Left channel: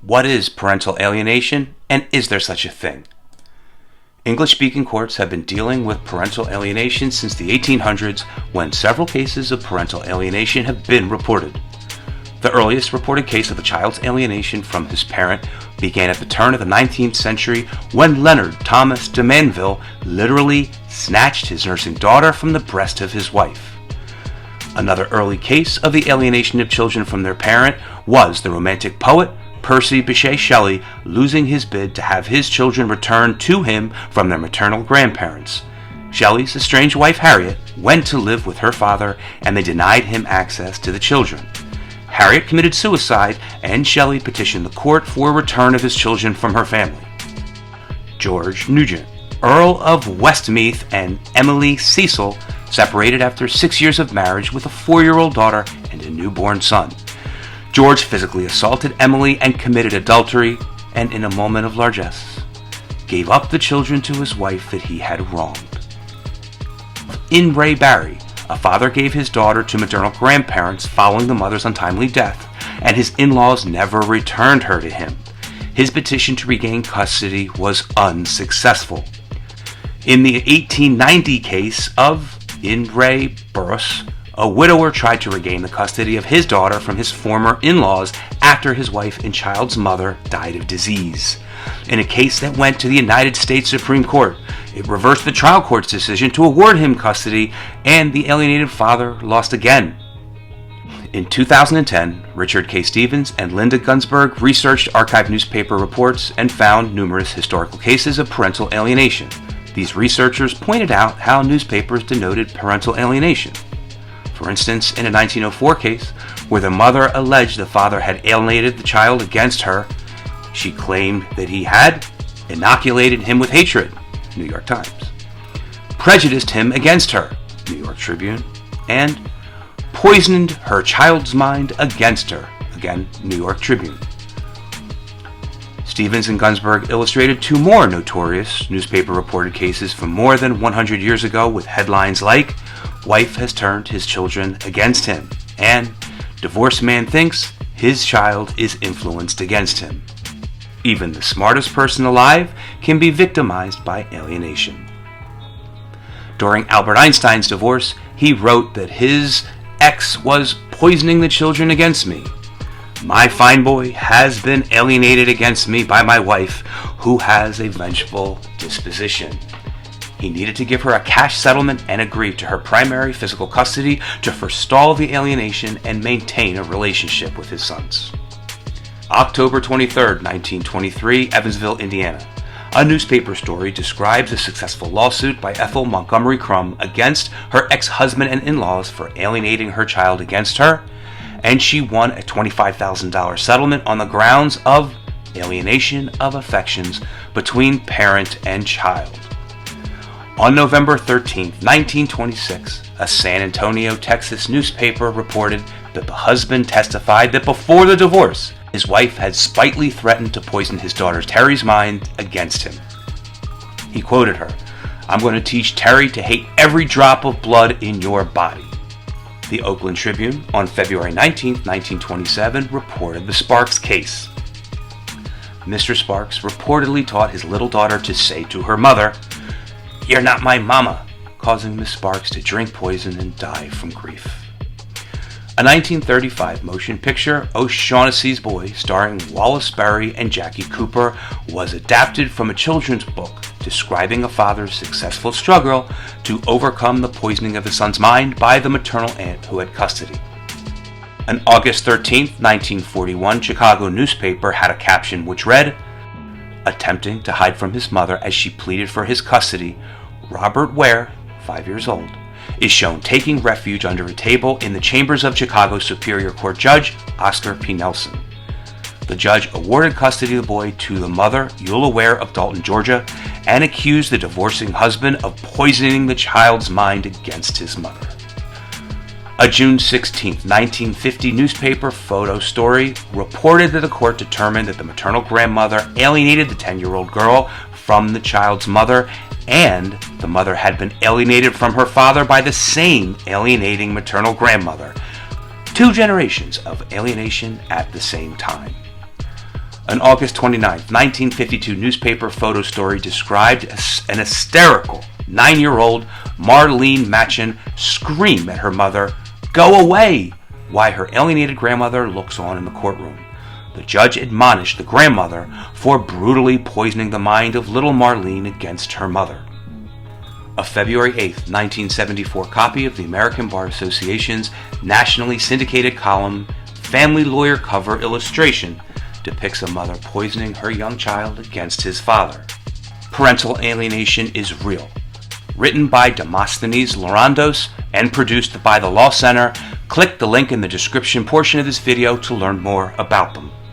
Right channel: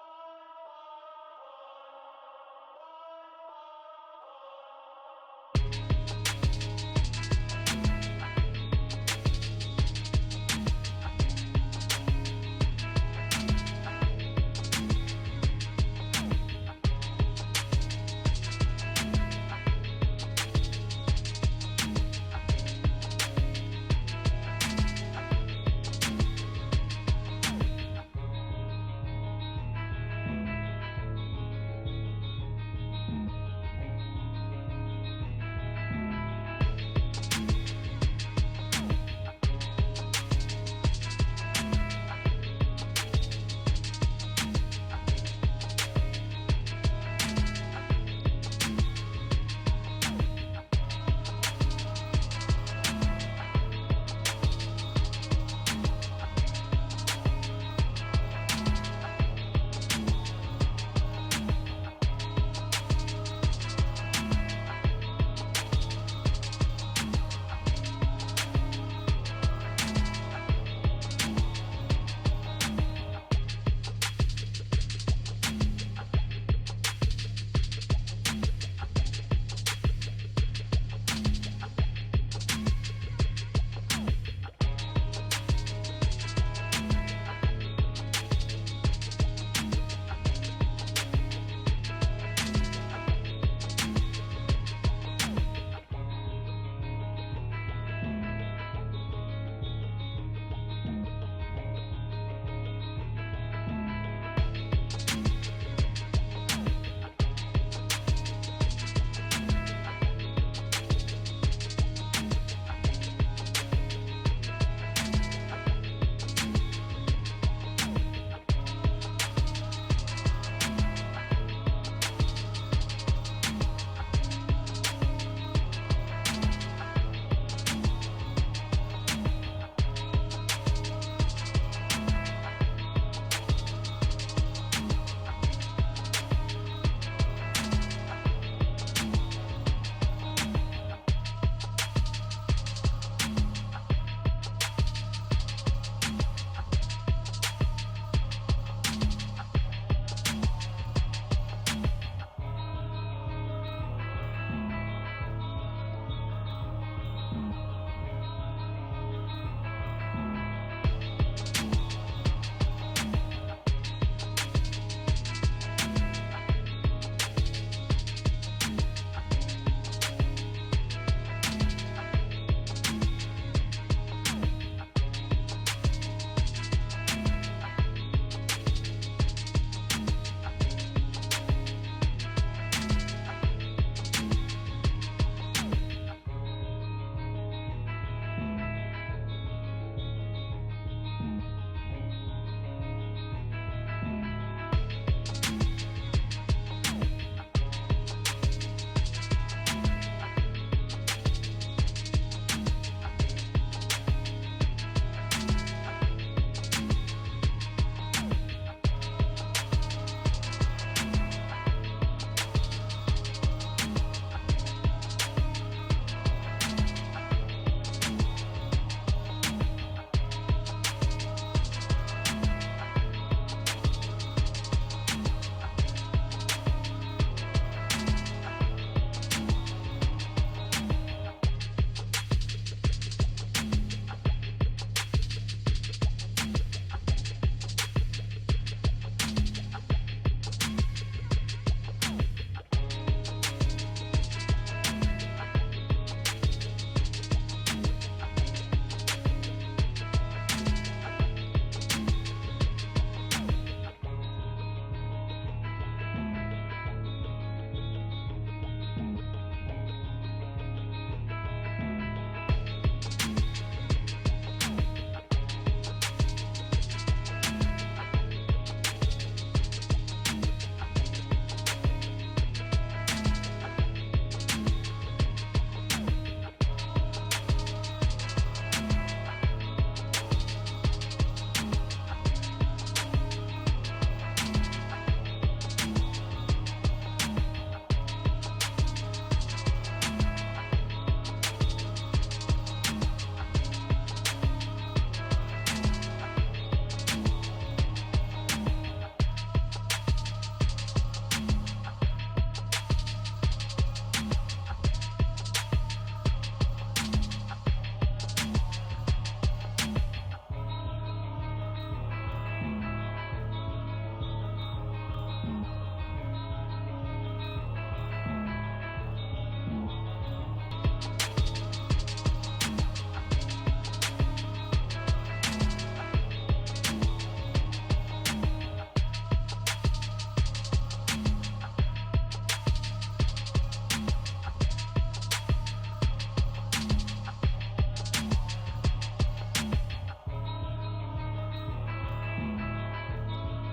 What is parental alienation, and is there such a thing? English-speaking courts have been dealing with parental alienation since the 1800s, when several cases of parental alienation have been reported. The earliest reported case of a child's alienation from his parent began at the turn of the 19th century when Leonard Thomas de Manville literally snatched his nursing daughter from the breast of his wife. Another early case of the alienation of children from their parent was the Romantic poet Percy Bysshe Shelley losing his bid to have his children returned to him from their maternal grandparents. Shelley's estranged wife Harriet went to live with her father, and they denied him access to the children. Harriet committed suicide, and Shelley petitioned the court for a return of his children from her family. George Nugent, Earl of Westmeath, and Emily Cecil separated after 6 years of marriage with a 4-year-old daughter and a newborn son. George physically assaulted Emily and committed adultery, and in a moment of largesse, gave up the children to his wife that he had wronged. In Ray Barry, a father gave his daughter to maternal grandparents following the mother's untimely death, and his in-laws never returned her to him. His petition to regain custody was unsuccessful. In the 1890 case of In Ray Burrus, a widower tried to regain the custody of his daughter from his former in-laws after his wife and child's mother died of disease. In a case that went to the United States Supreme Court, it reversed the trial court's decision to award him custody, and the alienated father lost again. In 2010, Richard K. Stevens and Linda Gunsberg researched archived newspaper reports and found numerous historical cases of parental alienation. These researchers pointed out how newspapers denoted parental alienation. For instance, in a 1904 case, where the mother alleged the father had alienated the child against her, she claimed that he had inoculated him with hatred, New York Times, prejudiced him against her, New York Tribune, and poisoned her child's mind against her, again, New York Tribune. Stevens and Gunsberg illustrated two more notorious newspaper-reported cases from more than 100 years ago with headlines like, "Wife has turned his children against him," and "Divorced man thinks his child is influenced against him." Even the smartest person alive can be victimized by alienation. During Albert Einstein's divorce, he wrote that his ex was poisoning the children against me. "My fine boy has been alienated against me by my wife, who has a vengeful disposition." He needed to give her a cash settlement and agree to her primary physical custody to forestall the alienation and maintain a relationship with his sons. October 23, 1923, Evansville, Indiana. A newspaper story describes a successful lawsuit by Ethel Montgomery Crum against her ex-husband and in-laws for alienating her child against her, and she won a $25,000 settlement on the grounds of alienation of affections between parent and child. On November 13, 1926, a San Antonio, Texas newspaper reported that the husband testified that before the divorce, his wife had spitefully threatened to poison his daughter Terry's mind against him. He quoted her, "I'm going to teach Terry to hate every drop of blood in your body." The Oakland Tribune, on February 19, 1927, reported the Sparks case. Mr. Sparks reportedly taught his little daughter to say to her mother, "You're not my mama," causing Miss Sparks to drink poison and die from grief. A 1935 motion picture, O'Shaughnessy's Boy, starring Wallace Berry and Jackie Cooper, was adapted from a children's book describing a father's successful struggle to overcome the poisoning of his son's mind by the maternal aunt who had custody. An August 13, 1941 Chicago newspaper had a caption which read, "Attempting to hide from his mother as she pleaded for his custody, Robert Ware, 5 years old, is shown taking refuge under a table in the chambers of Chicago Superior Court Judge Oscar P. Nelson. The judge awarded custody of the boy to the mother, Eula Ware of Dalton, Georgia, and accused the divorcing husband of poisoning the child's mind against his mother." A June 16, 1950 newspaper photo story reported that the court determined that the maternal grandmother alienated the 10-year-old girl from the child's mother, and the mother had been alienated from her father by the same alienating maternal grandmother. 2 generations of alienation at the same time. An August 29, 1952 newspaper photo story described an hysterical 9-year-old Marlene Machen scream at her mother, "Go away!" while her alienated grandmother looks on in the courtroom. The judge admonished the grandmother for brutally poisoning the mind of little Marlene against her mother. A February 8, 1974 copy of the American Bar Association's nationally syndicated column, Family Lawyer Cover Illustration, depicts a mother poisoning her young child against his father. Parental Alienation is Real. Written by Demosthenes Lorandos and produced by the Law Center. Click the link in the description portion of this video to learn more about them.